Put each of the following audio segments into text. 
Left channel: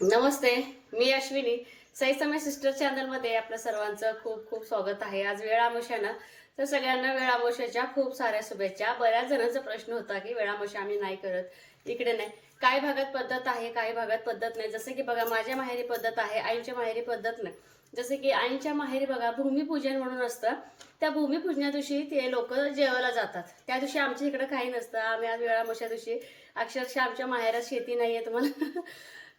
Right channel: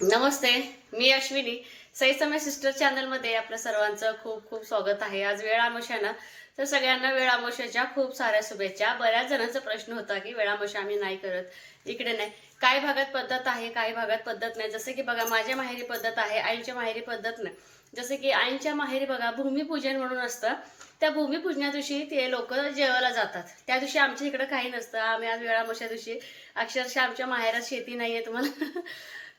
नमस्ते मी अश्विनी. सई समय सिस्टर चॅनलमध्ये आपल्या सर्वांचं खूप खूप स्वागत आहे. आज वेळ ना? तर सगळ्यांना वेळामशाच्या खूप साऱ्या शुभेच्छा. बऱ्याच जणांचा प्रश्न होता की वेळामशा आम्ही नाही करत. इकडे नाही. काही भागात पद्धत आहे काही भागात पद्धत नाही? जसं की बघा माझ्या माहेरी पद्धत आहे आईच्या माहेरी पद्धत नाही. जसं की आईच्या माहेरी बघा भूमिपूजन म्हणून असतं. त्या भूमिपूजना दिवशी ते लोक जेवायला जातात. त्या दिवशी आमच्या इकडे काही नसतं. आम्ही आज वेळामशा दिवशी अक्षरशः आमच्या माहेरात शेती नाही आहे तुम्हाला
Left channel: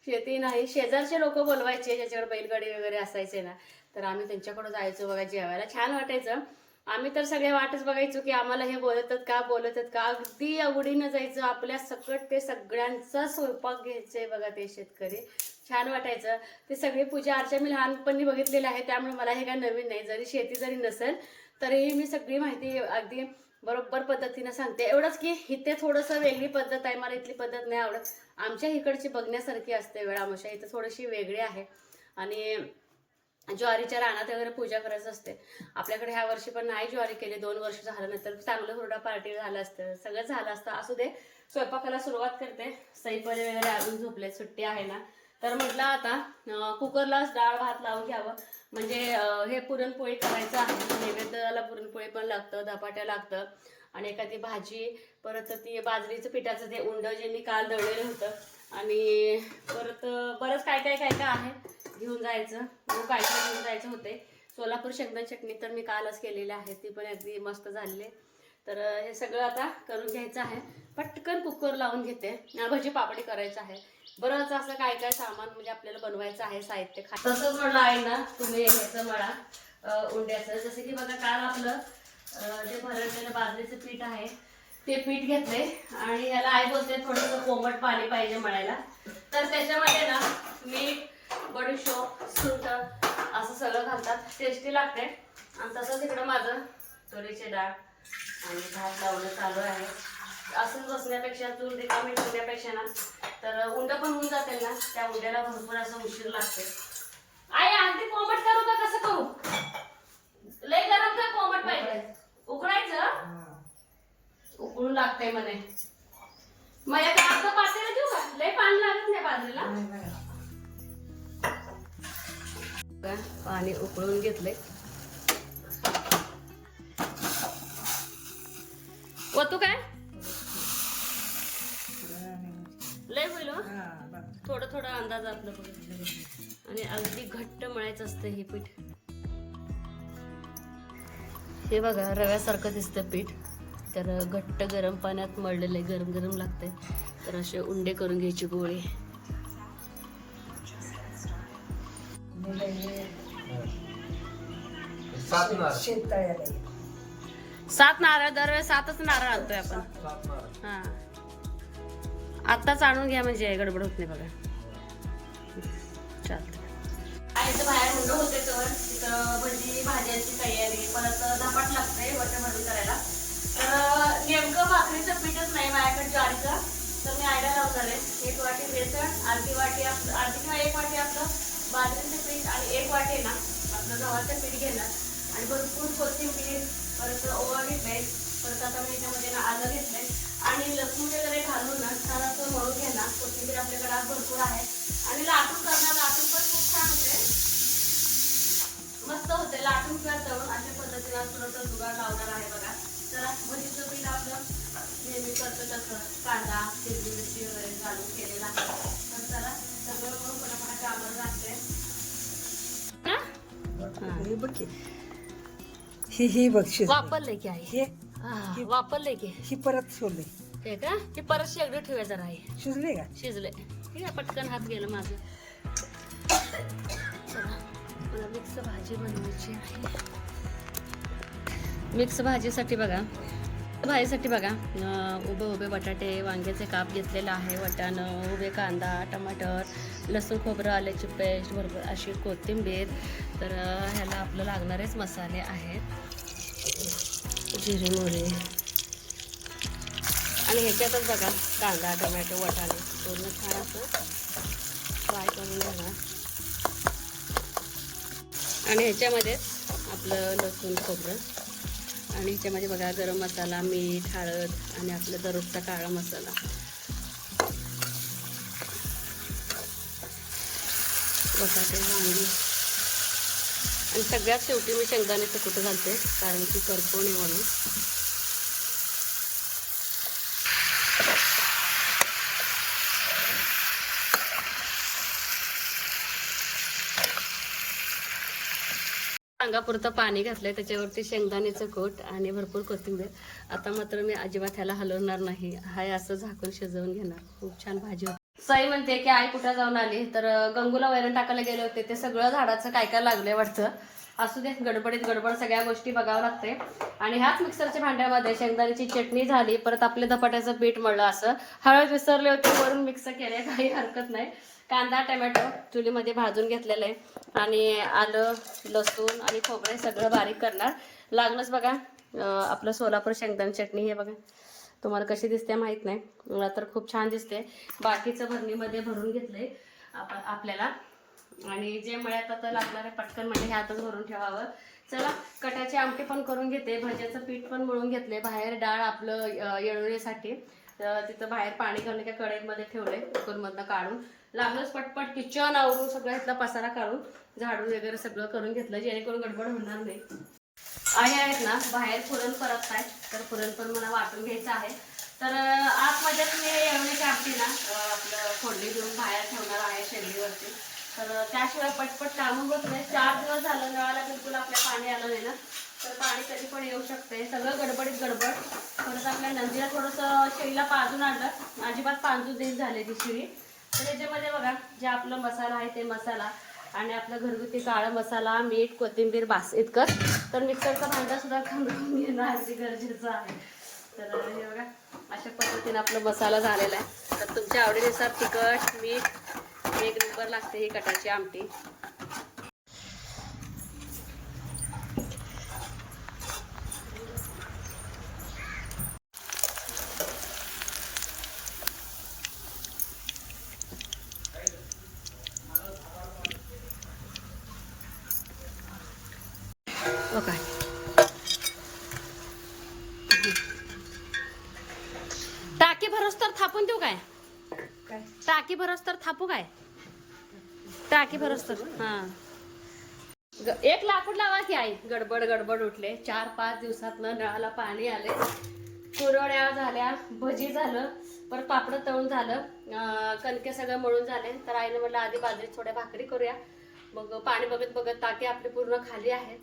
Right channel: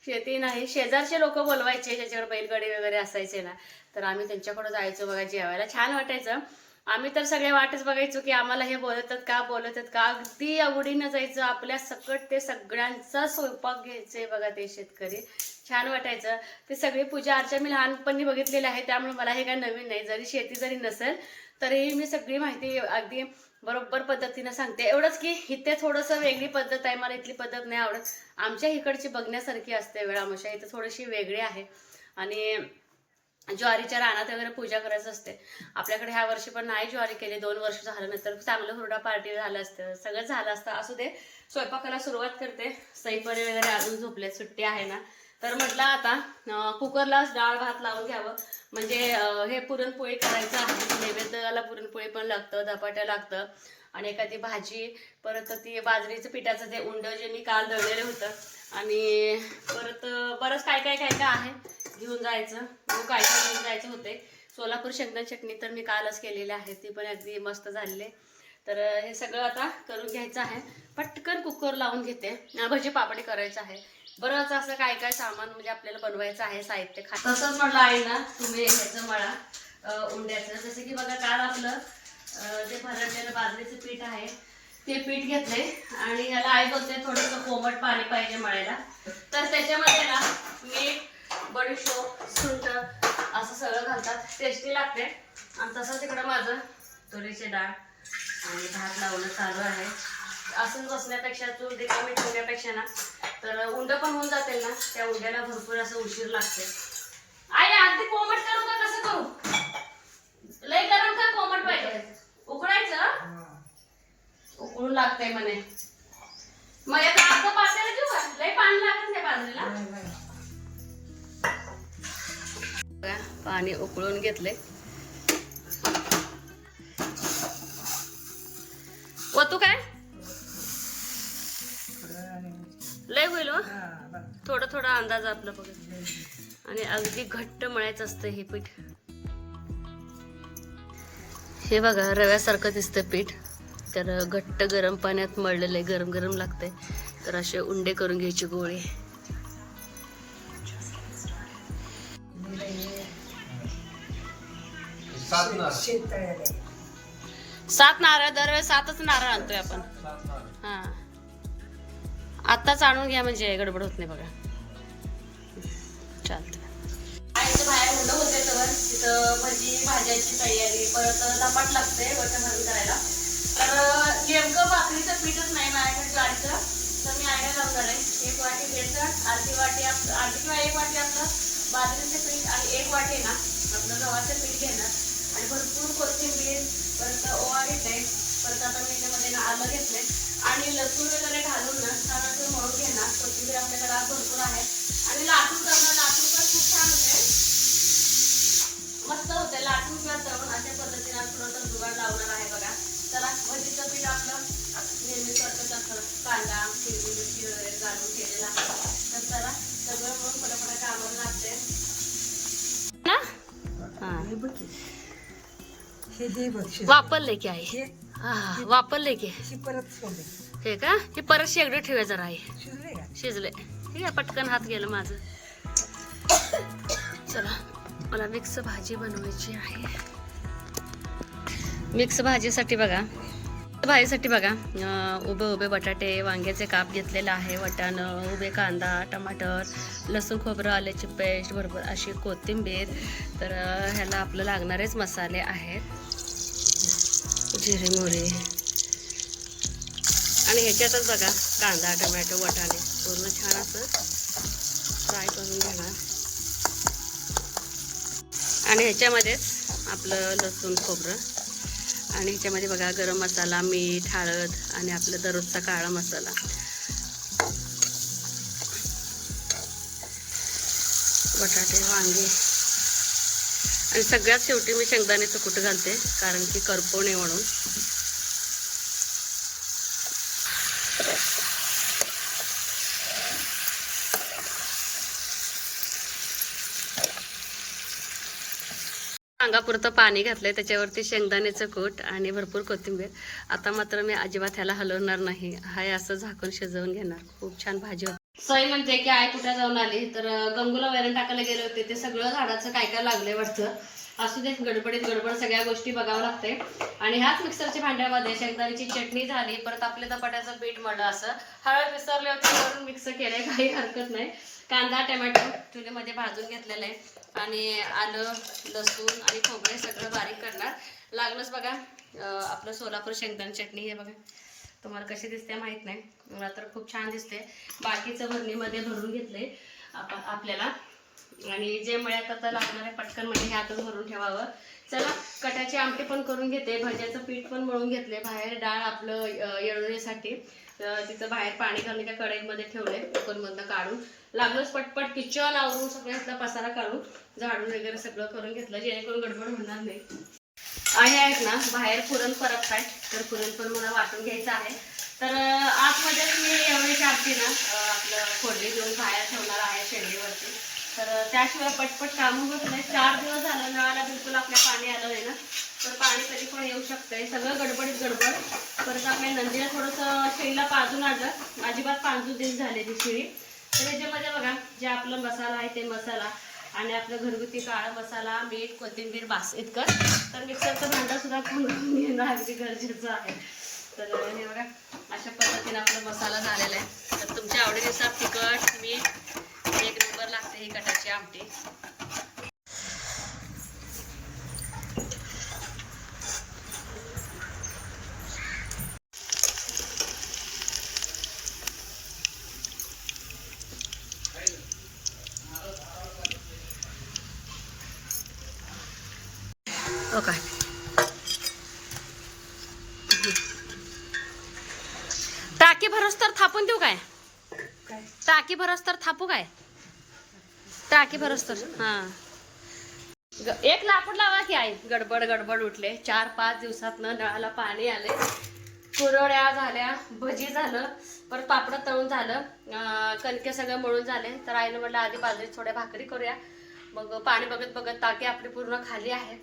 शेती नाही. शेजारचे लोक बोलवायचे ज्याच्याकडे बैलगाडी वगैरे असायचे ना. तर आम्ही त्यांच्याकडे जायचो बघा जेवायला. छान वाटायचं. आम्ही तर सगळे वाटच बघायचो की आम्हाला हे बोलतात का बोलतात का? अगदी आवडीनं जायचं. आपल्या सकट ते सगळ्यांचा स्वयंपाक घ्यायचे बघा ते शेतकरी. छान वाटायचं. ते सगळी पूजा अर्चा मी लहानपणी बघितलेली आहे. त्यामुळे मला हे काय नवीन नाही. जरी शेती जरी नसेल तरीही मी सगळी माहिती अगदी बरोबर पद्धतीनं सांगते. एवढंच की इथे थोडंसं वेगळी पद्धत आहे मला इथली पद्धत नाही आवडत. आमच्या इकडची बघण्यासारखी असते वेळामशा इथं थोडीशी वेगळी आहे. आणि ज्वारीच्या रानात वगैरे पूजा करायचं असते. आपल्याकडे ह्या वर्षी पण नाही ज्वारी केली दोन वर्ष झालं नंतर चांगलं हुरडा पार्टी झालं असतं. सगळं झालं असतं. असू दे स्वयंपाकाला सुरुवात करते. सईपणे वगैरे अजून झोपले सुट्टी आहे ना. तर म्हटलं आता कुकरलाच डाळ भात लावून घ्यावं. म्हणजे हे पुरणपोळी करायचं आहे. नैवेद्याला पुरणपोळी पण लागतं धपाट्या लागतं. आणि एखादी भाजी परत ती बाजरीचं पिठाचं ते उंड जे मी काल दळलेलं होतं. आणि परत बरंच काय काय काय काय आहे. घेऊन जायचं. मग काय काय घेऊन जायचं होते. सोलापूर शेंगदाण चटणी तर मी कालच केलेली आहे. ती पण अगदी मस्त झालेली आहे. तर हे सगळं आता करून घ्यायचं आहे. पटकन कुकर लावून घेते. भजी पापडी करायचं आहे. बरंच असं काय काय सामान म्हणजे आपल्याला बनवायचं आहे साहित्य खा तसंच म्हटलं आहे ना तुम्ही ह्याचं मळा उंड्याचं. जसं की बघा काल आपलं जे भरडलेलं बाजरीचं पीठ आहे ते पीठ घेतले आणि ह्याला आई बोलते थोडंसं कोमट पाणी पाहिजे मळायला तर त्याच्यामध्ये ना मीठ बडीशोप सुंठ असं सगळं घालतात. टेस्टी लागते. आणि तसंच इकडं माझं तुरीचे डाळ आणि भात लावणं चालू आहे. असंच बसण्यापेक्षा चूल रिकामी ठेवण्यापेक्षा ना तर उंड पण होऊन जाते ना त्या उंड्याला भरपूर असं उशीर लागते. आई अगदी कोमट करू का? कसं करू? लय गरम का कोमट पाहिजे? उकळायचं? उकळून लागतंय म्हणे. मग एक अर्ध पातेलं देऊ का? लय पाणी लागत नाही बाजरीला पाणी उकळून घेतले व तू काय? हो. थोडं थोडं अंदाज आपलं बघ. आणि अगदी घट्ट मळायचं असतं हे पीठ. हे बघा रव्यासारखं दिसतं पीठ. तर घट्ट गरम पाण्यात मळलेलं आहे गरम गरम लागतंय. तर असे उंडे करून घ्यायचे गोळे. सात नारळ. सात नारळ दरवेळेस सातच नारळ आणतोय आपण. सात नारळ. हा. आत्ताच आणून घ्या म्हणजे गडबड होत नाही बघा. चालतं आणि बाहेर हुंड होते तर तिथं भजी भाज्याची तयारी परत धपाट लागते वच्या भरून करायला. तर नेमकं भाकरीचं पीठच नाही माझ्याकडे ज्वारीचं तर मी आयडिया लावणार आहे एक वाटी बेसन अर्धी वाटी आपलं अर्धी किंवा एक वाटी आपलं बाजरीचं पीठ आणि एक वाटी ना आपलं गव्हाचं पीठ घेणार. आणि भरपूर कोथिंबीर परत ओवा घेतले परत आता मी त्यामध्ये ना आलं घेतलं आणि लसूण वगैरे घालून ना छान असं मळून घेणार कोथिंबीर आपल्याकडे आज भरपूर आहे. आणि लाटून करणार. लाटून पण खूप छान होते. मस्त होते. लाटून किंवा तळून अशा पद्धतीने आज थोडंसं जुगाड लावणार आहे बघा. चला भजीचं पीठ आपलं नेहमी करतो तसं. कांदा हिरवी मिरची वगैरे घालून केलेलं आहे. तर चला सगळं म्हणून पटापटा कामावर लागते ना? हा. ही ही बक्षीस वापरले की आहे वापरले की. ही परत सोडली. हे का? हे परत शेगडी ठेवा जरा आहे शिजले का? शिजले. ठीक आहे पटकन हात गेलं माझं. चला मला मिक्स भाजी बनवायची आहे. मिक्स भाजीसाठी बघा. भाजीसाठी बघा उभे उभे बटाटे वांग्याचे काप घेतलेलं आहे वटाणं उभे कांदा टमाटर लसूण खोबरं आल्याची पेस्ट भरपूर अशी कोथिंबीर. तर ह्याला आपलं लागणारेच मसाले आहेत. जिरे मोहरी. आणि ह्याच्यातच बघा कांदा टमॅटो वटाणे. पूर्ण छान असं फ्राय करून घेणार. आणि ह्याच्यामध्येच आपलं लसूण खोबरं. आणि ह्याच्यामध्ये बघा गरम मसाला मीठ हळद आणि आपलं दररोजचा काळा मसाला. बटाटे वांगी. आणि सगळ्यात शेवटी मी शेंगदाण्याचं कुठं घालते कारण की करपू नये म्हणून. अंगापुरतं पाणी घातलंय त्याच्यावरती शेंगदाण्याचं कोट आणि भरपूर कोथिंबीर. आता मात्र मी अजिबात ह्याला हलवणार नाही. हाय असं झाकून शिजवून घेणार. खूप छान भाजी होती. सई म्हणते की आई कुठे जाऊन आली? तर गंगूला वैरण टाकायला गेले होते. ते सगळं झाडाचं काय काय लागलंय वाटतं असू दे गडबडीत गडबड सगळ्या गोष्टी बघावं लागते आणि ह्याच मिक्सरच्या भांड्यामध्ये शेंगदाण्याची चटणी झाली परत आपले धपाट्याचं पीठ मळलं असं. हळद विसरले होते म्हणून मिक्स केले काही हरकत नाही. कांदा टमॅटो चुलीमध्ये भाजून घेतलेलं आहे. आणि आलं लसूण आणि खोबरे सगळं बारीक करणार. लागलंच बघा आपलं सोलापूर शेंगदाणी चटणी हे बघा. तुम्हाला कशी दिसते माहीत नाही. मला तर खूप छान दिसते. बाकीचं भरणीमध्ये भरून घेतले आपल्याला. आणि जे मळ्यात आता लागणार आहे पटकन म्हणजे ह्यातच भरून ठेवावं. चला कट्याची आमटी पण करून घेते. भज्याचं पीठ पण मळून घेतले बाहेर डाळ आपलं अं, येळण्यासाठी तिथं बाहेर पाणी घालून एका कढईमध्ये ठेवलंय. कुकरमधनं काढून. लागलंच पटपट किचन आवरून सगळं इथला पसारा काढून झाडून वगैरे सगळं करून घेतलं. जेणेकरून गडबड होणार नाही. आहे आहेत ना बाहेर पुरण परत आहे तर पुरण पण मला वाटून घ्यायचं आहे. तर आतमध्ये आतमध्येच मी एवढी आमटी ना आपलं फोडणी घेऊन बाहेर ठेवणार आहे शेगडीवरती तर त्याशिवाय पटपट कामं होत नाही. चार दिवस झालं नळाला बिलकुल आपल्या पाणी आलं आहे ना. तर पाणी कधी पण येऊ शकतंय. सगळं गडबडीत गडबड. परत आपल्या नंदीला थोडंसं शेळीला पाजून आणलं. अजिबात पांजू दिन झाले ती शिळी तर याच्यामध्ये बघा जे आपला मसाला आहे ते मसाला. आणि आपलं घरगुती काळा मसाला मीठ कोथिंबीर बास इतकं तर मिक्सरचा भांडा सुद्धा खणून घेणं अगदी गरजेचं आहे. तर हे बघा अशा पद्धतीने आपला मसाला झालेला आहे. तर तुमच्या आवडीनुसार तिखट मीठ एक नंबर लागते ही कटाची आमटी. ओके टाकी भरस तर थापून देऊ काय? टाकी भरस तर थापू काय? टाकी भरस तर हा. एक लाकूड लावा की आई. गडबड गडबड उठले. चार पाच दिवसात नळाला पाणी आले कुरड्या झाल्या भजी झालं परत पापड तळून झालं. कणके सगळं मळून झाले. तर आईनं म्हटलं आधी बाजरी थोड्या भाकरी करूया. मग पाणी बघत बघत टाकी आपली पूर्ण खाली आहे.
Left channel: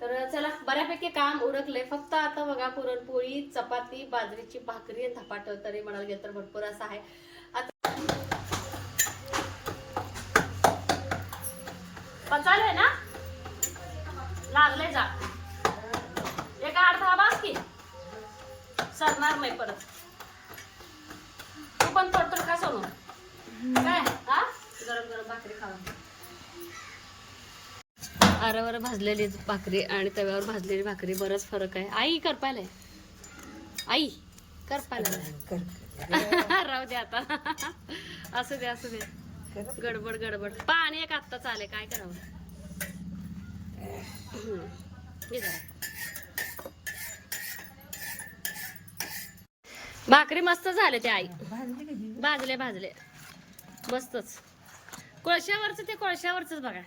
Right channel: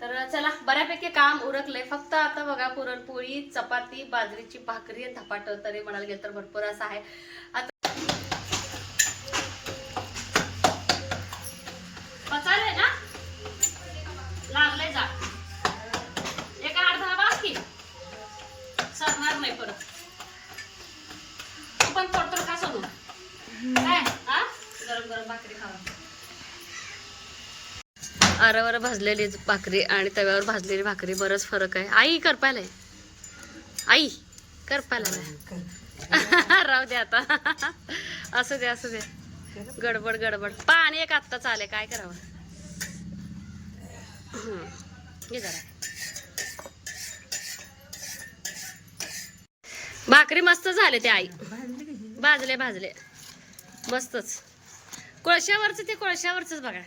तर चला बऱ्यापैकी काम उरकले फक्त आता बघा पुरणपोळी चपाती बाजरीची भाकरी धपाट तरी म्हणाल गेलं तर भरपूर असं आहे. आता पचाले ना? लागले जा एका अर्धा बाकी. सरणार नाही परत तू पण पोटर खा सोनू काय हा गरम गरम भाकरी खावा आरावर भाजलेली भाकरी आणि तव्यावर भाजलेली भाकरी बरंच फरक आहे. आई करपायला आई करपायला राहू दे आता. असू दे असू दे. गडबड गडबड. पाणी एक आत्ता चाले काय करावं? हम्म. जरा. भाकरी मस्त झाले ते आई. भाजले भाजले. मस्तच. कोळशावरच ते कोळशावरच बघा.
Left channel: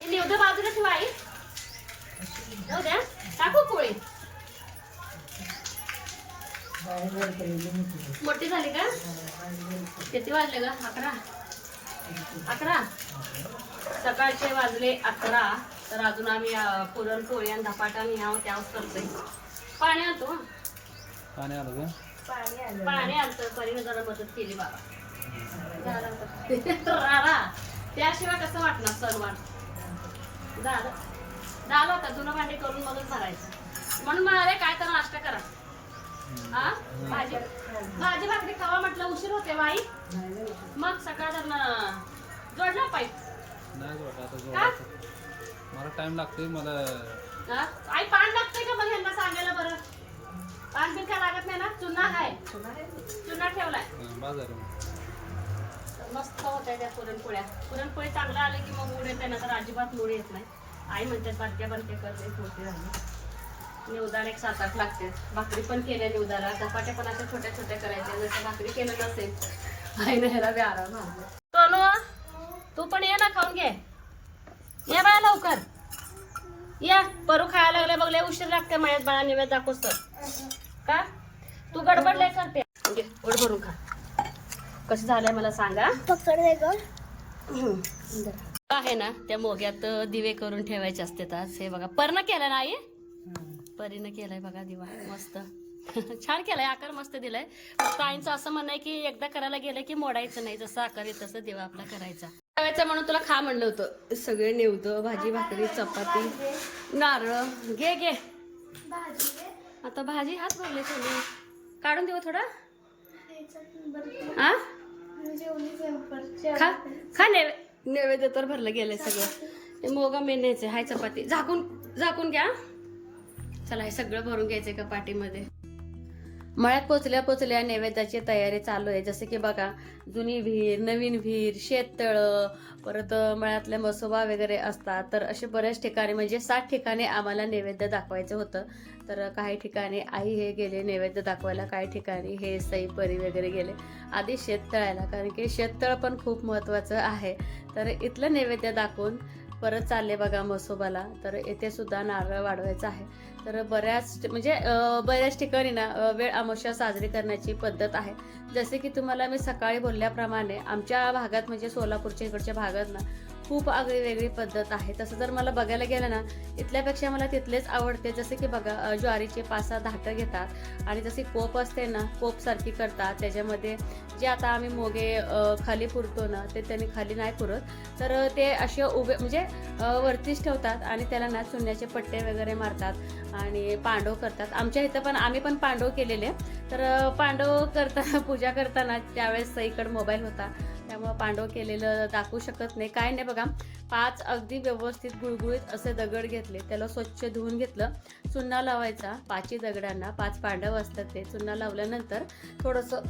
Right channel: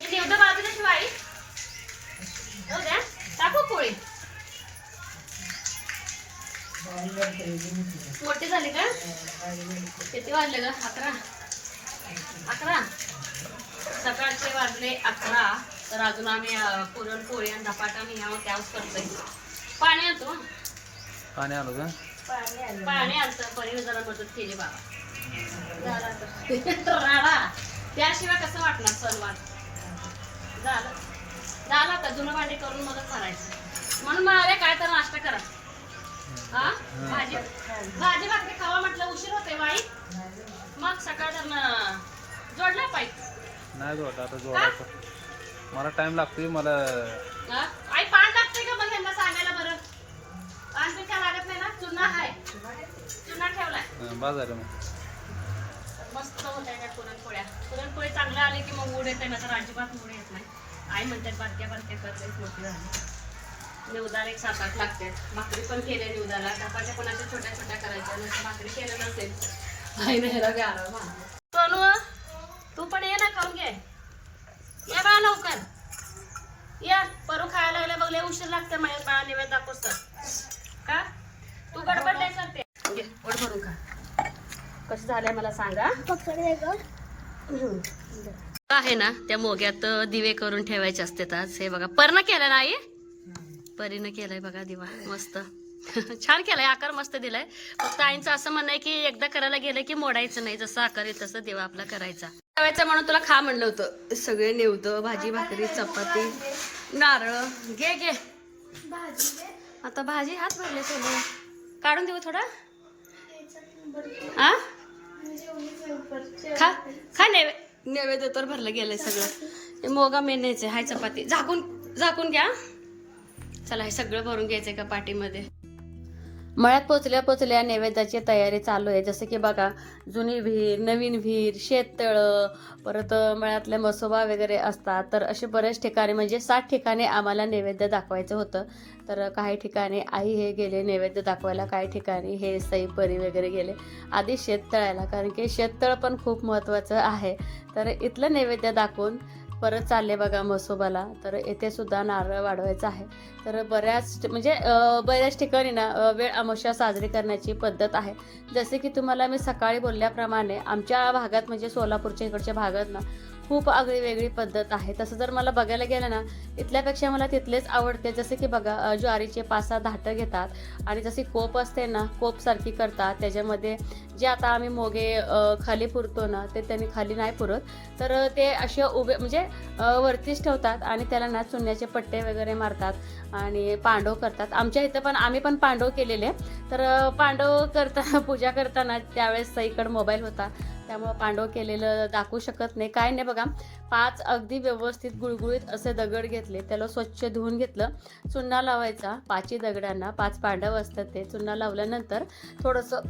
निवडं बाजूला ठेवा आई हो द्या. टाकू पोळी. मोठी झाली का? किती वाजले ग? अकरा. अकरा. सकाळचे वाजले अकरा. तर अजून आम्ही पुरणपोळी आणि धपाटा आणि ह्या त्यावर करतोय. पाणी आणतो हं. पाणी आलो का? पाणी आणतो पनीर जरा मदत केली बाबा. राडा त्याशिवाय कसं वाटणार सणवार झालं झालं आता जुनं भांडी करून मदत करायचं म्हणून म्हणाले काय तर नाश्ता करा. हा? भाजी भाजी भाकरी खावा म्हटलं उशीर होते बाई. मग सकाळ तर जोडला पाहिजे नाही जोड आता जोडायचं. मला टाइम लागतोय मला? आई पान लागते का मग यांना सांगायला बरं? पान बिन काय लागत नाही ना? चुना आहे. चुना ठेवलाय. बाजार मग. तर मस्त होत आहे त्या पुरणपोळ्या. पुरणपोळी चांगल्या आले की मग मूड येते नाही तर अजिबात मूड येत नाही. आई म्हणतात बारक्या बारक्या करते मोठी झाली. निवदाला एक सात आठ लागते. भाकरी पण केल्या निवदाला. चपाट्या पण अशा छोट्या छोट्या करायच्या. जसं भाकरी केलं नसेल आईने ह्याला बी आराम सोनू तू पण ये ना खाऊन घे. या बाळा लवकर. या परू खायला लागल्या बघले उशीर लागते माझ्या बाळा निवेद दाखवस तर. का? तू गडबडले करते घे, पोट भरून खा. कसं झालंय मला सांगा? आहे ना त्या मोग्यात दिवे करून ठेवायचे असतात आज. हे बघा पर्ण केलं ना आई? परीनं केलाय बघा दिवा मस्त. छान केलाय आकार मस्त दिलाय. फक्त आईंचं असं म्हणणं आहे की एकदा करायला गेलं की मोडायचं नाही. जसं आकार आहे तसं दिवा आपला करायचा. ठेवायचं म्हणून तुला खा म्हणलं होतं. सगळे नेवतं भाजी भाकरी चपाती नारळ. घे घे. आता भाजी हात भरले सोने काढून देऊ थोडा? हा खा खा नैवे नैवेद्य तर भरलं गेलंय सगळं. मोगा मेनायचं हाय चपाती. झाकून झाकून घ्या. चला हे सगळं भरून घ्यायचंय का पाठीमध्ये? मळ्यात पोचल्या पोचल्या नैवेद्याची तयारी चालू आहे. जसं की बघा जुनी विहीर नवीन विहीर शेततळं परत मळ्यातले मसोबा वगैरे असतात. तर असे बरेच ठिकाणी म्हणजे सात ठिकाणी आम्हाला नैवेद्य दाखवायचं होतं. तर काही ठिकाणी आई हे गेले नैवेद्य दाखवायला काही ठिकाणी हे सई परी वगैरे गेले. आधी शेततळ्याला कारण की शेततळ पण खूप महत्त्वाचं आहे. तर इथलं नैवेद्य दाखवून परत चालले बघा मसोबाला तर येथे सुद्धा नारळ वाढवायचं आहे. तर बऱ्याच म्हणजे बऱ्याच ठिकाणी ना वेळ अमावस्या साजरी करण्याची पद्धत आहे. जसे की तुम्हाला मी सकाळी बोलल्याप्रमाणे आमच्या भागात म्हणजे सोलापूरच्या इकडच्या भागात ना खूप आगळी वेगळी पद्धत आहे. तसं जर मला बघायला गेलं ना इथल्यापेक्षा मला तिथलेच आवडते. जसे की बघा ज्वारीचे पाच सहा धाटं घेतात आणि जशी कोप असते ना कोपसारखी करतात. त्याच्यामध्ये जे आता आम्ही मोगे खाली पुरतो ना ते त्यांनी खाली नाही पुरत. तर ते असे उभे म्हणजे वरतीच ठेवतात आणि त्याला ना चुन्याचे पट्टे वगैरे मारतात आणि पांडव करतात. आमच्या इथं पण आम्ही पण पांडव केलेले. तर पांडव करताना पूजा करताना त्यावेळेस इकडं मोबाईल होता. त्यामुळं पांडव केलेलं दाखवू शकत नाही. काय नाही बघा पाच अगदी व्यवस्थित गुळगुळीत असे दगड घेतले. त्याला स्वच्छ धुवून घेतलं. चुन्ना लावायचा पाचही दगडांना पाच पांडव असतात ते. चुन्ना लावल्यानंतर थोडंसं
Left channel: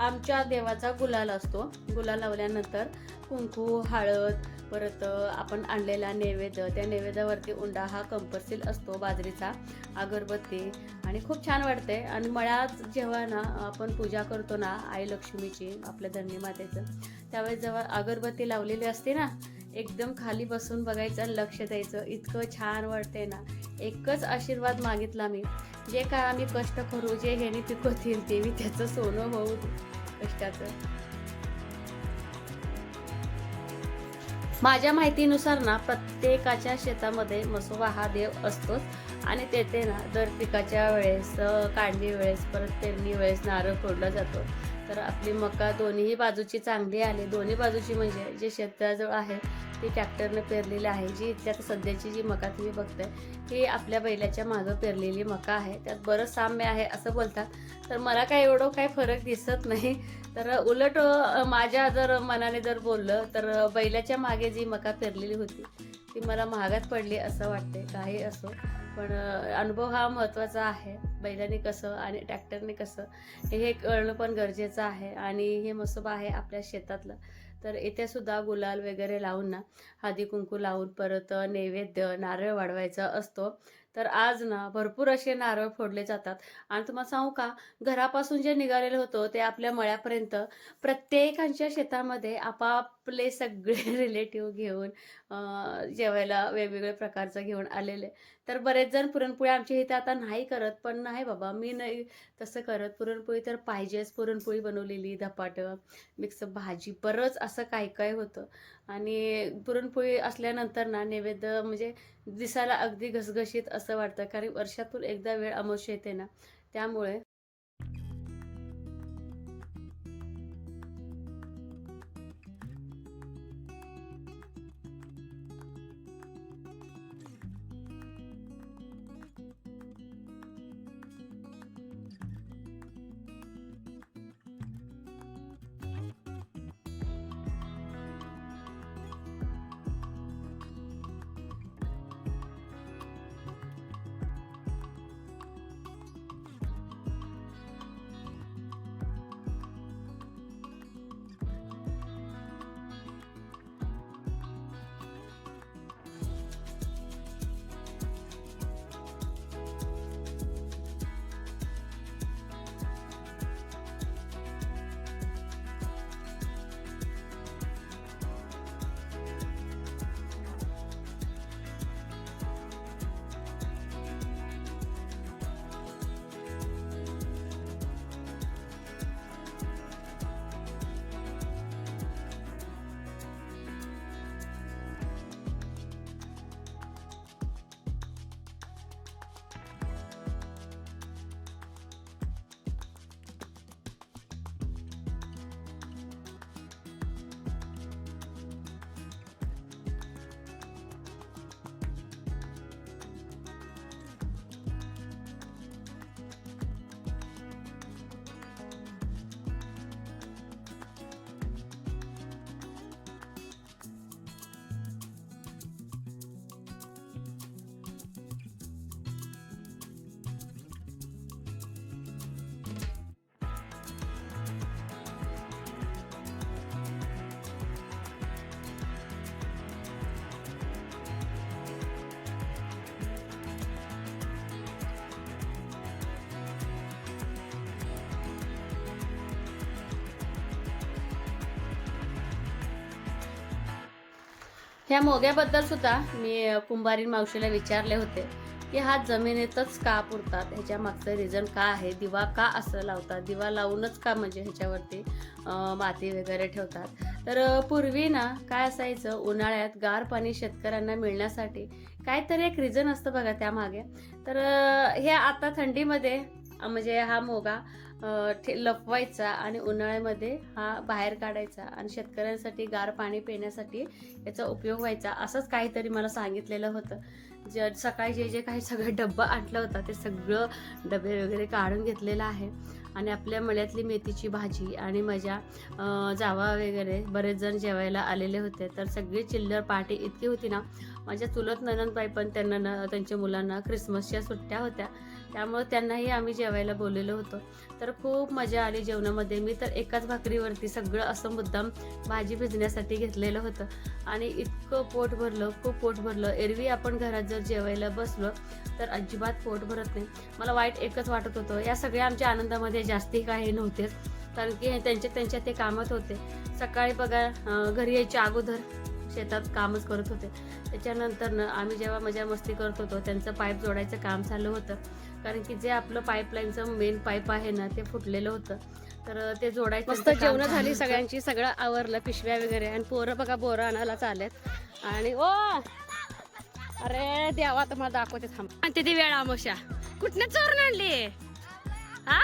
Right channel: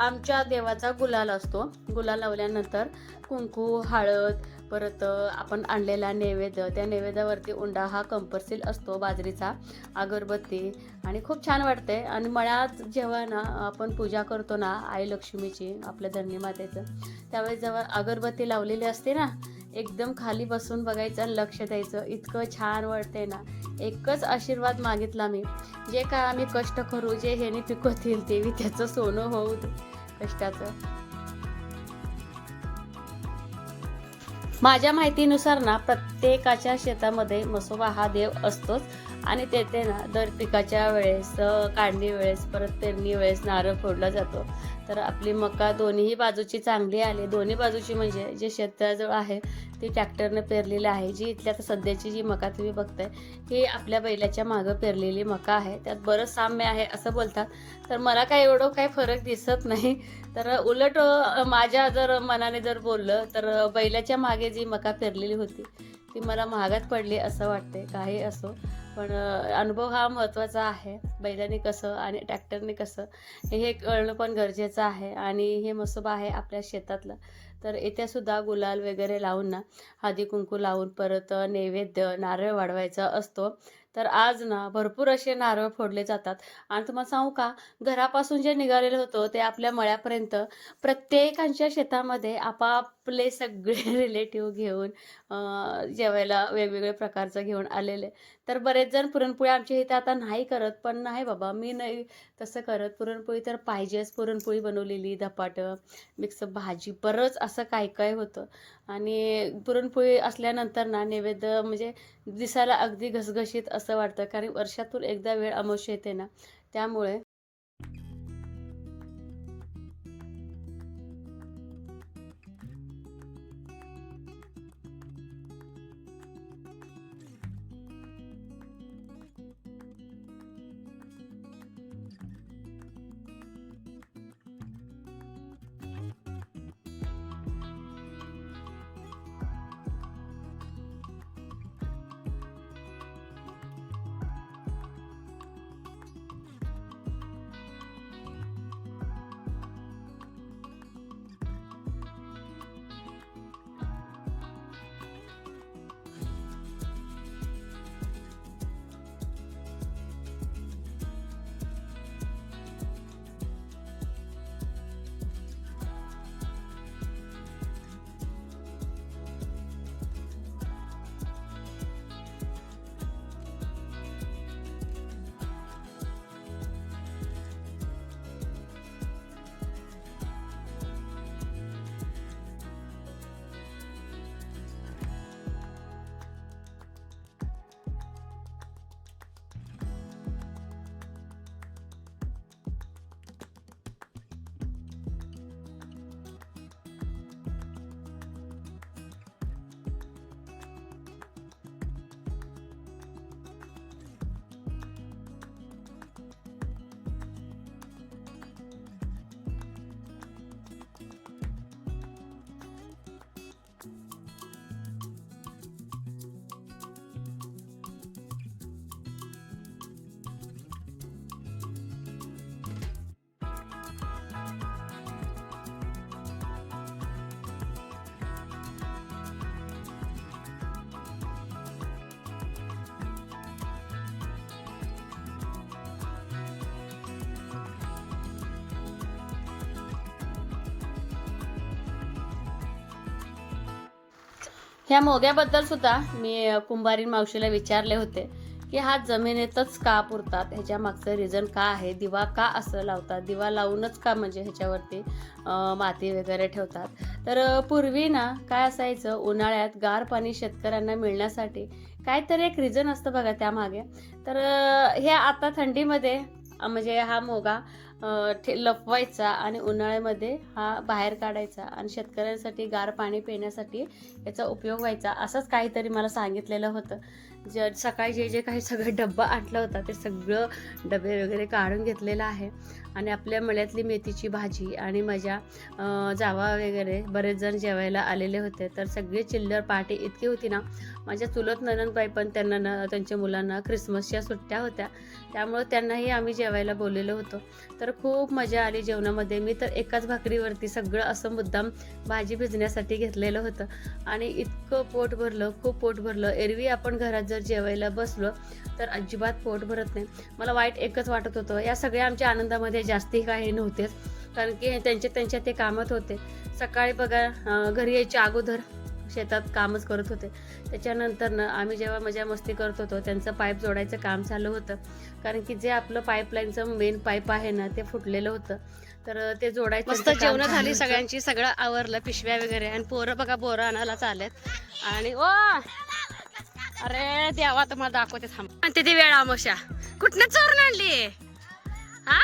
आमच्या देवाचा गुलाल असतो. गुलाल लावल्यानंतर कुंकू हळद परत आपण आणलेला नैवेद्य. त्या नैवेद्यावरती उंडा हा कंपल्सरी असतो बाजरीचा अगरबत्ती आणि खूप छान वाटते आणि मळ्यात जेव्हा ना आपण पूजा करतो ना आई लक्ष्मीची आपल्या धन्य मातेचं त्यावेळेस जेव्हा अगरबत्ती लावलेली असते ना एकदम खाली बसून बघायचं लक्ष द्यायचं. इतकं छान वाटते ना. एकच आशीर्वाद मागितला मी. जे काय आम्ही कष्ट करू जे ह्याने पिकवतील ते त्याचं सोनं होऊ कष्टाचं. माझ्या माहितीनुसार ना प्रत्येकाच्या शेतामध्ये मसोबा हा देव असतोच. आणि तेथे ना दर पिकाच्या वेळेस काढणी वेळेस परत पेरणी वेळेस नारळ फोडला जातो. तर आपली मका दोन्ही बाजूची चांगली आली दोन्ही बाजूची म्हणजे जे शेताजवळ आहे ती ट्रॅक्टरनं पेरलेली आहे जी इथल्या सध्याची जी मका तुम्ही बघताय ही आपल्या बैलाच्या मागं पेरलेली मका आहे. त्यात बरंच साम्य आहे असं बोलतात. तर मला काय एवढं काही फरक दिसत नाही. तर उलट माझ्या जर मनाने जर बोललं तर बैलाच्या मागे जी मका पेरलेली होती ती मला महागात पडली असं वाटते काही असो. पण अनुभव हा महत्त्वाचा आहे. बैलाने कसं आणि ट्रॅक्टरने कसं हे कळणं पण गरजेचं आहे. आणि हे मसोबा आहे आपल्या शेतातलं. तर इथे सुद्धा गुलाल वगैरे लावून ना हळदी कुंकू लावून परत नैवेद्य नारळ वाढवायचा असतो. तर आज ना भरपूर असे नारळ फोडले जातात. आणि तुम्हाला सांगू का घरापासून जे निघालेलं होतं ते आपल्या मळ्यापर्यंत प्रत्येकांच्या शेतामध्ये आपापले सगळे रिलेटिव्ह घेऊन जेवायला वेगवेगळे प्रकारचं घेऊन आलेले. तर बरेच जण पुरणपोळी आमच्या इथे आता नाही करत पण नाही बाबा मी नाही तसं करत. पुरणपोळी तर पाहिजेच पुरणपोळी बनवलेली धपाटं मिक्स भाजी बरंच असं काय काय होतं. आणि पुरणपोळी असल्यानंतर ना नैवेद्य म्हणजे दिसायला अगदी घसघशीत असं वाटतं. कारण वर्षातून एकदा वेळ अमावस्या येते ना त्यामुळे ह्या मोग्याबद्दल सुद्धा मी कुंभारी मावशीला विचारले होते की हा जमिनीतच का पुरतात? ह्याच्या मागचं रिझन का आहे? दिवा का असं लावतात? दिवा लावूनच का म्हणजे ह्याच्यावरती माती वगैरे ठेवतात? तर पूर्वी ना काय असायचं उन्हाळ्यात गार पाणी शेतकऱ्यांना मिळण्यासाठी काहीतरी एक रिझन असतं बघा त्यामागे. तर हे आता थंडीमध्ये म्हणजे हा मोगा ठे- लपवायचा आणि उन्हाळ्यामध्ये हा बाहेर काढायचा आणि शेतकऱ्यांसाठी गार पाणी पिण्यासाठी याचा उपयोग व्हायचा असंच काहीतरी मला सांगितलेलं होतं. ज सकाळी जे जे काही सगळं डब्बा आणलं होता ते सगळं डबे वगैरे काढून घेतलेलं आहे. आणि आपल्या मळ्यातली मेथीची भाजी आणि माझ्या जावा वगैरे बरेच जण जेवायला आलेले होते. तर सगळी चिल्लर पार्टी इतकी होती ना माझ्या चुलत ननंदबाई पण त्यांना न त्यांच्या मुलांना क्रिसमसच्या सुट्ट्या होत्या. त्यामुळं त्यांनाही आम्ही जेवायला बोललेलो होतो. तर खूप मजा आली जेवणामध्ये. मी तर एकाच भाकरीवरती सगळं असं मुद्दाम भाजी भिजण्यासाठी घेतलेलं होतं. आणि इतकं पोट भरलं खूप पोट भरलं. एरवी आपण घरात जर जेवायला बसलो तर अजिबात पोट भरत नाही. मला वाईट एकच वाटत होतं. या सगळ्या आमच्या आनंदामध्ये जास्ती काही नव्हतेच. कारण की त्यांचे त्यांच्या ते कामात होते. सकाळी बघा घरी यायच्या अगोदर शेतात कामच करत होते. त्याच्यानंतर ना आम्ही जेव्हा मजा मस्ती करत होतो त्यांचं पाईप जोडायचं काम चालू होतं. कारण की जे आपलं पाईपलाईनचं मेन पाईप आहे ना ते फुटलेलं होतं. तर ते जोडायचं मस्त जेवण झाली. सगळ्यांची सगळं आवरलं पिशव्या वगैरे. आणि पोरं बघा बोरं आणायला चालेत आणि ओ! अरे देवा तुम्हाला दाखवते थांब. आणि ते वेळा आमोशा. कुठनं चोरून आणली? हा?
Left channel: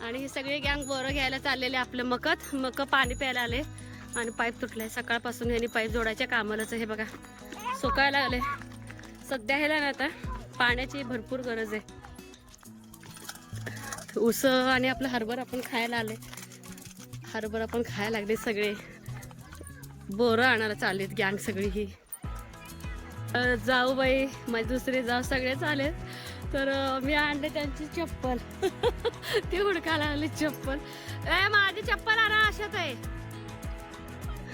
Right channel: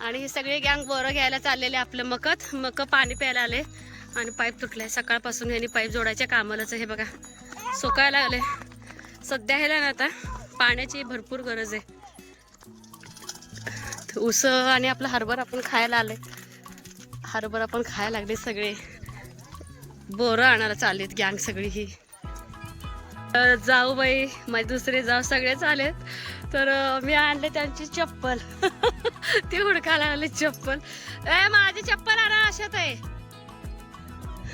आणि ही सगळी गँग बोरं घ्यायला चाललेले आपलं मकत. मक पाणी प्यायला आले. आणि पाईप तुटलाय. सकाळपासून यांनी पाईप जोडायच्या कामालाच. हे बघा सुकायला लागले सध्या ह्याला ना आता पाण्याची भरपूर गरज आहे. ऊस आणि आपलं हरभर आपण खायला आले हरभर आपण खायला लागले सगळे. बोरं आणायला चाललेत गँग सगळी ही. तर जाऊ बाई माझे दुसरे जाऊ सगळेच आलेत. तर मी आणले त्यांची चप्पल. ती हुडकायला लागली चप्पल. ए माझी चप्पल आणा अशात आहे.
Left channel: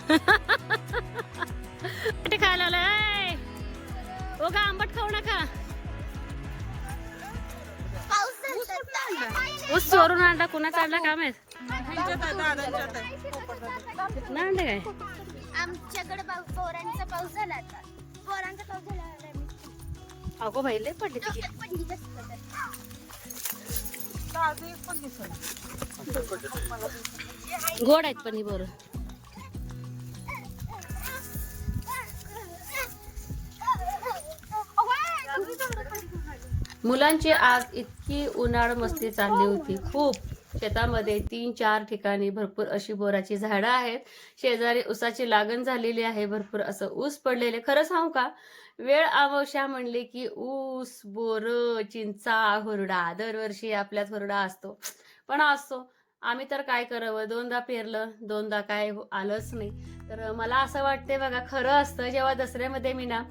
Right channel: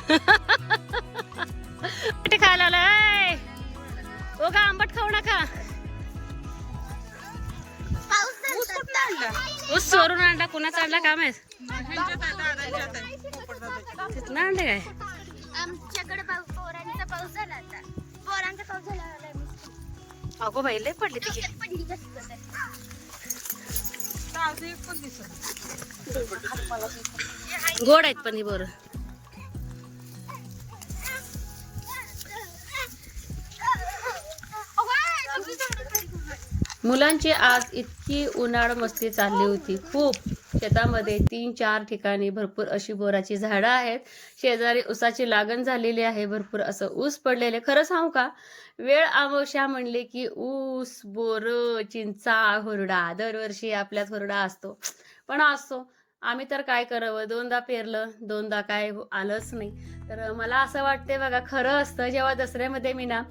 खायला आलं ओ का आंबट खाऊ नका. ऊस चोरून आणला कुणाचा आणला? काम आहे आणले काय? आमच्याकडे पाऊस पोरांचा पाऊस झाला आता. पोरांचा पाऊस झाला आलाय मस्त. अगो बाई लय पडली बघा. गोड आहेत पण ही बरं. मुलांची आज इतकी उन्हाळ मस्ती चालली होती. खूप शेतामध्ये तीन चार ठिकाणी भरपूर अशी बोराची झाडं आहेत. शेजारी ऊसाची लागण झालेली आहे. भरपूर असं ऊस पडलेले. खरं सांगू का? वेळ अमावस्या म्हणले की ऊस बोर चिंचा हुरडा. दरवर्षी आपल्यात हुरडा असतो. पण असतो आम्ही तर काय करावं? दोनदा पेरलं दोनदा काय आलंच नाही. तर मला असं वाटते बघा खरं असतं जेव्हा दसऱ्यामध्ये मी ना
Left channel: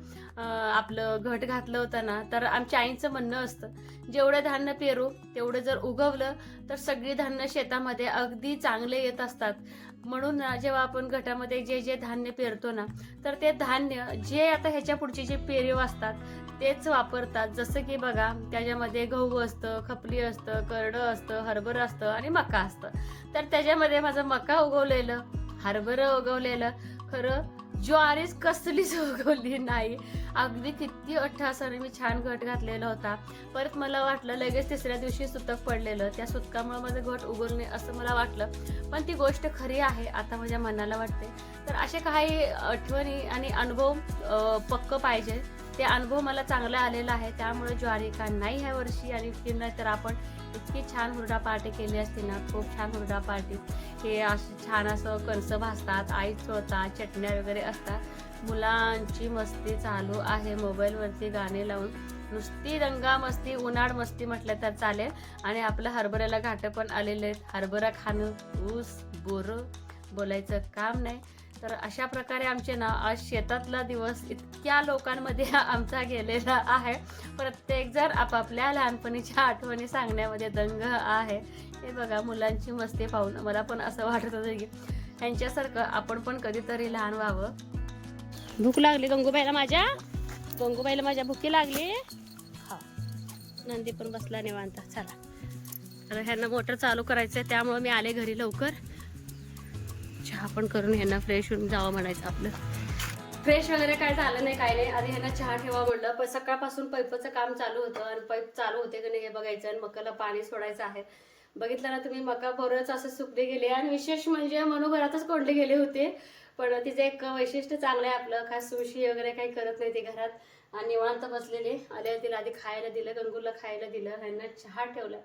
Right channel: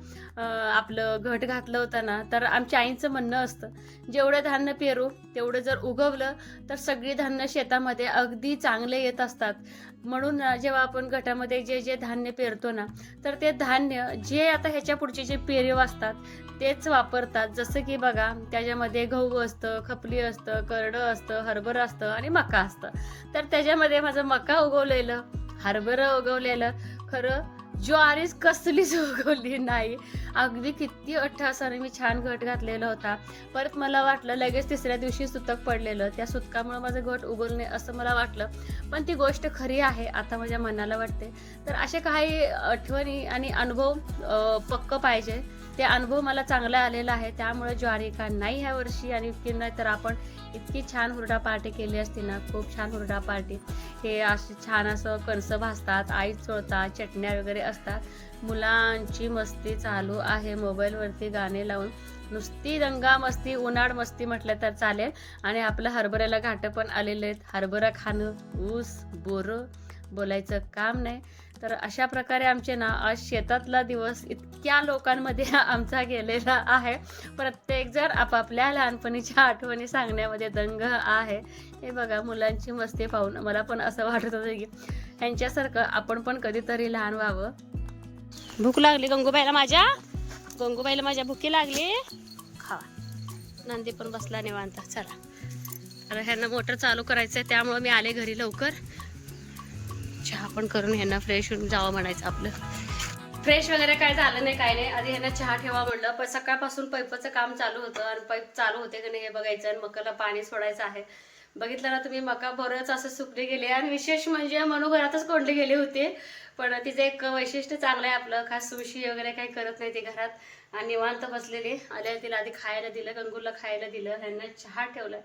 आपलं घट घातलं होतं ना तर आमच्या आईचं म्हणणं असतं जेवढं धान्य पेरू तेवढं जर उगवलं तर सगळी धान्य शेतामध्ये अगदी चांगले येत असतात. म्हणून जेव्हा आपण गटामध्ये जे जे धान्य पेरतो ना तर ते धान्य जे आता ह्याच्या पुढचे जे पेरीव असतात तेच वापरतात. जसं की बघा त्याच्यामध्ये गहू असतं खपली असतं करडं असतं हरभरं असतं आणि मका असतं. तर त्याच्यामध्ये माझं मका उगवलेलं हरभरं उगवलेलं खरं ज्वारीच कसलीच उगवली नाही. अगदी किती अठ्ठासाने मी छान घट घातलेला होता. परत मला वाटलं लगेच तिसऱ्या दिवशी सुतक पडलेलं. त्या सुतकामुळे माझं घट उगवू नये असं मला वाटलं. पण ती गोष्ट खरी आहे आता माझ्या मनाला वाटते. तर असे काही आठवणी आणि अनुभव पक्क पाहिजे. ते अनुभव मला चांगला आलेला आहे. त्यामुळे ज्वारी का नाही ह्या वर्षी आणि किंवा तर आपण इतकी छान हुरडा पार्टी केली असती ना खूप छान हुरडा पार्टी. हे अशी छान असं कणसं भासतात आई चोळतात चटण्या वगैरे असतात. मुलांची मस्ती चालू आहे. मोबाईलवरती गाणे लावून नुसती दंगा मस्ती उन्हाळ मस्ती म्हटलं तर चालेल. आणि आपलं हरभऱ्याला घाटं पण आलेले आहेत. हरभरा खाणं ऊस बोरं बोलायचं काम नाही. तर अशा प्रकारे आमचे ना आज शेतातला दिवस इतक्या लोकांमध्ये आमचा गेलेला आहे. प्रत्येक जण आपापल्या लहानपणीच्या आठवणी सांगण्यामध्ये दंग आहे. हे बघा मुलांची मस्ती पाहून मला पण असं वाटत होतं की ह्यांच्यासारखं आपण पण कधीतरी लहान व्हावं. भूक लागली गंगूबाईला माझ्या? गंगूबाईला माझ्या भुकी लागली? खा. नंदी पण बसला निवांत. चला. तर ह्यांना मोटर चालू करायचं आहे त्यामुळे मी आले घरी लवकर. चहा पण करून ह्यांना फ्रेश होऊन जावं म्हणायचं आपलं. फ्रेश वगैरे काय झालं नाही काय नाही. आधी ह्यांना चहा ठेवा म्हणलं पण सकाळपासून पैपचं काम चालू होतं आणि पैप चालू होते की नाही हे बघायचं आणि मकाला पाणी सोडायचं आहे. बघितलं ना तुम्ही मका बरंच असं सुकले गेले आणि विशेष म्हणजे मनू घरातच कोंडले गेले होते. पण तिचं एक वैशिष्ट्य चांगलं आहे आपलं खास सुशी वगैरे काही करत नाही ते घरात. आणि निवांत बसलेली. आल्या तिला आधी खायला दिलं गंगूला खायला दिलं ह्यांना चहा ठेवला.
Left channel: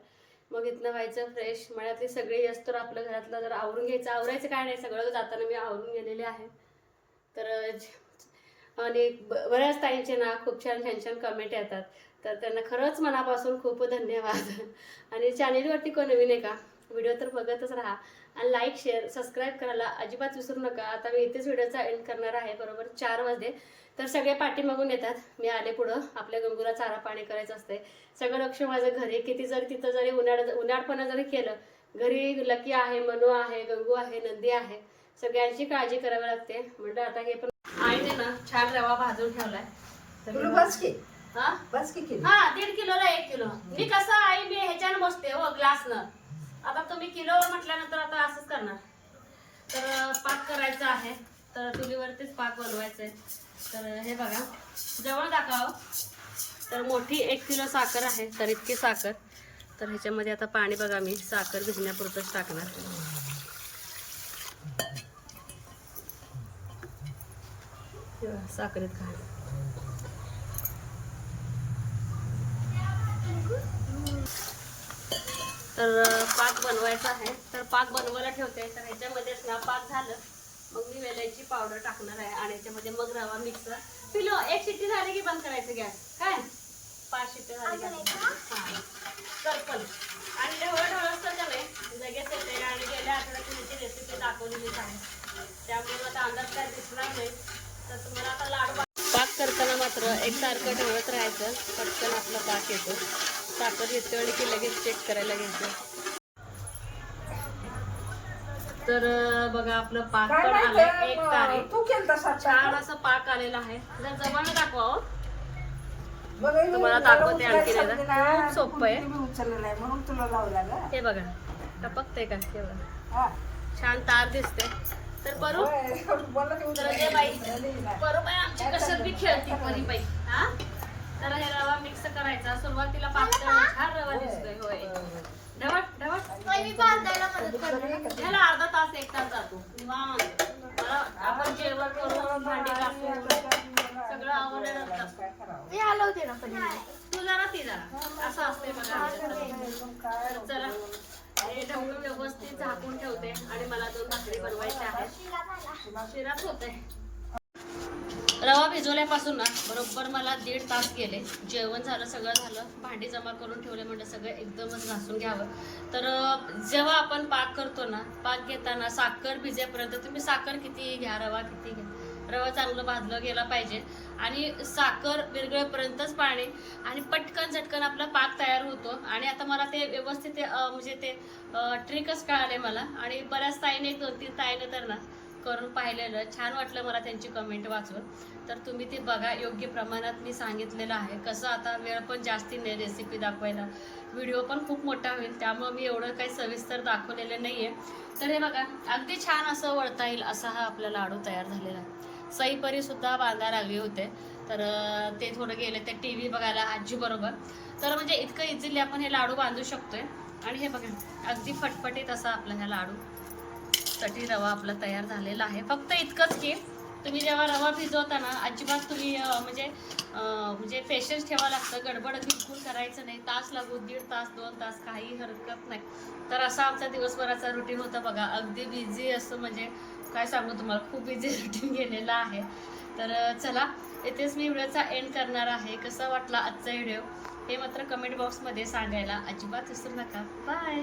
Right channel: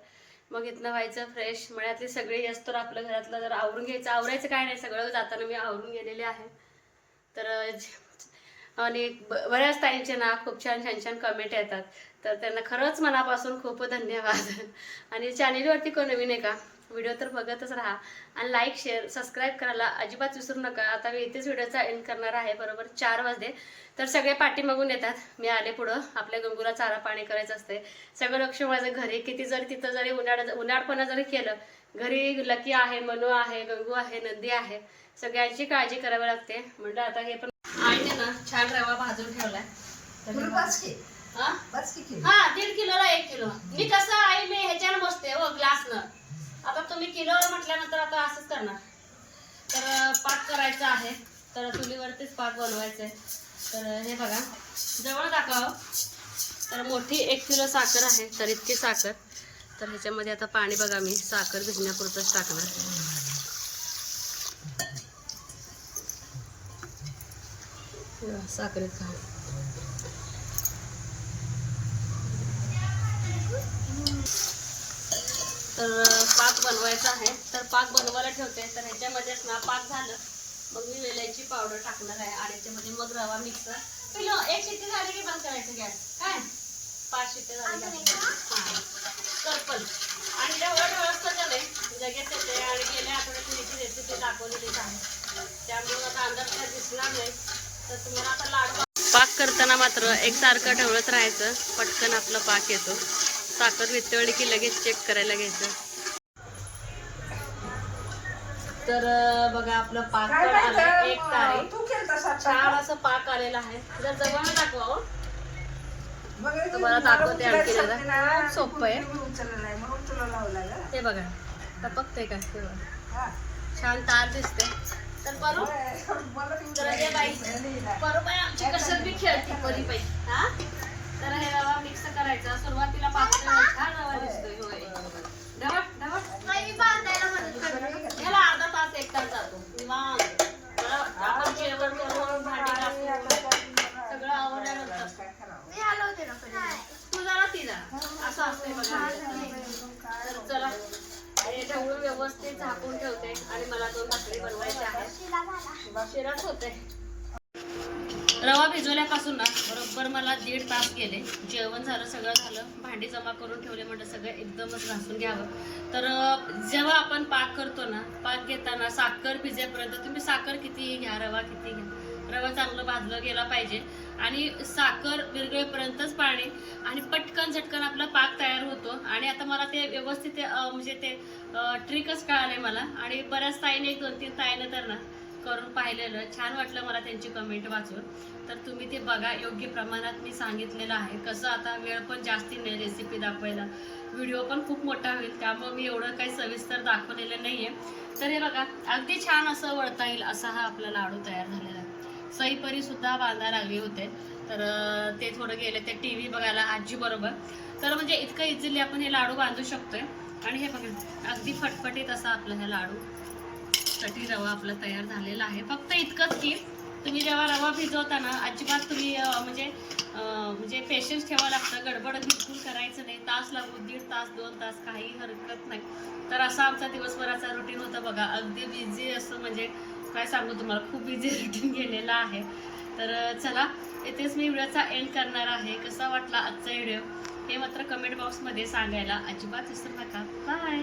मग इथनं व्हायचं फ्रेश मळ्यातली सगळी असतं आपलं घरातलं जर आवरून घ्यायचं. आवरायचं काय नाही सगळं. जाताना मी आवरून गेलेले आहे. तर आणि ब- बऱ्याच ताईंचे ना खूप छान छान छान कमेंट येतात. तर त्यांना खरंच मनापासून खूप धन्यवाद. आणि चॅनेलवरती कोण नवीन आहे का? व्हिडिओ तर बघतच राहा. आणि लाईक शेअर सबस्क्राईब करायला अजिबात विसरू नका. आता मी इथेच व्हिडिओचा एंड करणार आहे बरोबर? चार वाजले. तर सगळे पाठीमागून येतात. मी आले पुढं. आपल्या गंगूला चारा पाणी करायचं असते सगळं लक्ष माझं घरी. किती जरी तिथं जरी उन्हाळ उन्हाळपणा जरी केलं घरी लकी आहे मनू आहे गंगू आहे नंदी आहे. सगळ्यांची काळजी करावी लागते. म्हणलं आता हे पण आईने ना छान रवा भाजून ठेवलाय. हा? दीड किलोला एक किलो. मी कसं आई मी ह्याच्यानं बसते हो ग्लासनं आता तुम्ही किलोवर म्हटल्यानंतर आता असंच करणार. तर पाक करायचा आहे. तर चुलीवरतीच पाक बनवायचा आहे तर हे बघा. जवळ दाखवा हो. तर मोठी एक किलो साखर आहे तर इतकी साखर. तर ह्याच्यामध्ये आता पाणी बघा मी साखर भिजण्यापुरतंच टाकणार. साखरेत घाल. तर पाक बनवायचा आहे. तर पाक बनवायला ठेवते. तर ह्याच्यामध्येच ना पाक झालं मग मी वेलायची पावडर टाकणार आहे आणि याच्यामध्ये मग रवा मिक्सर पिलो एक शिट्टी झाली की बंद करायचं गॅस? काय? पाच शिट्टी झाले गॅस. हां. सर्पल आणि जेवढं ढवळ असतं का नाही लगेच येते आणि गेल्या आठवड्यात मी याची रेसिपी दाखवलेलीच आहे त्यामुळे आता अंदाज काय दिसणार नाही. तर तुम्हाला आता लाडू पाक करताना मात्र एकसारखं ढवळत राहायचं. पटकन आपला पाक येतो. साखर वितळली की लगेच चेक करायला घ्यायचं. तर बघा आपलं पाक पण माहिती एक तारे. तू छान असं पाक आलेला आहे. जर जवळ दाखवा हो. तुम्हाला दाखवते आणखी एकदा. खूप सोपं आहे. हे बघा. टपकते का? हे बघा. छान तार दिसते. तर बरू तर बाई. बरोबर आमची कसर बी खेळती परी बाई. हा? तर हे रवा मिक्स करायचा. सुरुवातीला पातळ छान रवा दिसतोय होय. ढवट ढवट ह्याला अर्धा तास एक तास जातो. निवांत. मला आपण जेवण करून भांडे घासून सगळं आवडल्यानंतर? ते जरा ती जरा. असं असतंय बघा. तर चला. हे ढवळून व्यवस्थित झाकून ठेवते आणि मला दोन भाकरी बनवायच्या आहेत. शिराच होते रवा भिजवल्यापासून ना बरोबर मला दीड तास गेले. जेवण झालं सगळं झालं. भांडी जमा करून ठेवले म्हणजे सगळं एकदमच घासून घ्यावं. तर जेव्हा आपण पाक करतो ना पाक घेताना साखर भिजेपर्यंत तुम्ही साखर किती घ्या रवा किती घ्या. रवा चांगलं भाजलं गेला पाहिजे. आणि साखर विरगळेपर्यंतच पाणी आणि पटकन झटकन आपला पाक तयार होतो. आणि आता मला ते व्यवस्थित म्हणजे ते ट्रिकच कळाले मला. आणि बऱ्याच ताईने एक दोन तीन ताईनं तर ना करून पाहिलेलं. छान वाटलं मला त्यांची कमेंट वाचून. तर तुम्ही ते बघा योग्य प्रमाणात मी सांगितलेलं आहे. कसं आता वेळ पण जास्ती नाही रेसिपी दाखवायला. व्हिडिओ पण खूप मोठा होईल त्यामुळं मी एवढं काही सविस्तर दाखवलेलं नाही आहे तर हे बघा अगदी छान असं वळता येईल असा हा आपला लाडू तयार झालेला आहे. सईपरीसुद्धा बांधा लागले होते. तर ते थोडं गेले ते टी व्ही बघायला आजीबरोबर तर म्हणजे इतकं इझिली आपण हे लाडू बांधू शकतोय. आणि हे बघा अगदी फटफटीत असा आपला ह्या लाडू कटी रवा आपला तयार झालेला आहे. फक्त इतकंच की तुम्ही जेव्हा रवा भिजवता ना अजिबात तुम्ही म्हणजे म्हणजे पेशन्स ठेवावं लागतं. गडबड बिलकुल करायचं नाही. तास लागू दीड तास दोन तास काही हरकत नाही. तर असा आमचा दिवसभराचा रुटीन होता बघा. अगदी बिझी असं म्हणजे काय सांगू तुम्हाला खूप बिझी रुटीन गेलेला आहे. तर चला इथेच मी व्हिडिओचा एंड करणार आहे. कसा वाटला आजचा व्हिडिओ हे मात्र कमेंट बॉक्समध्ये सांगायला अजिबात विसरू नका. बाय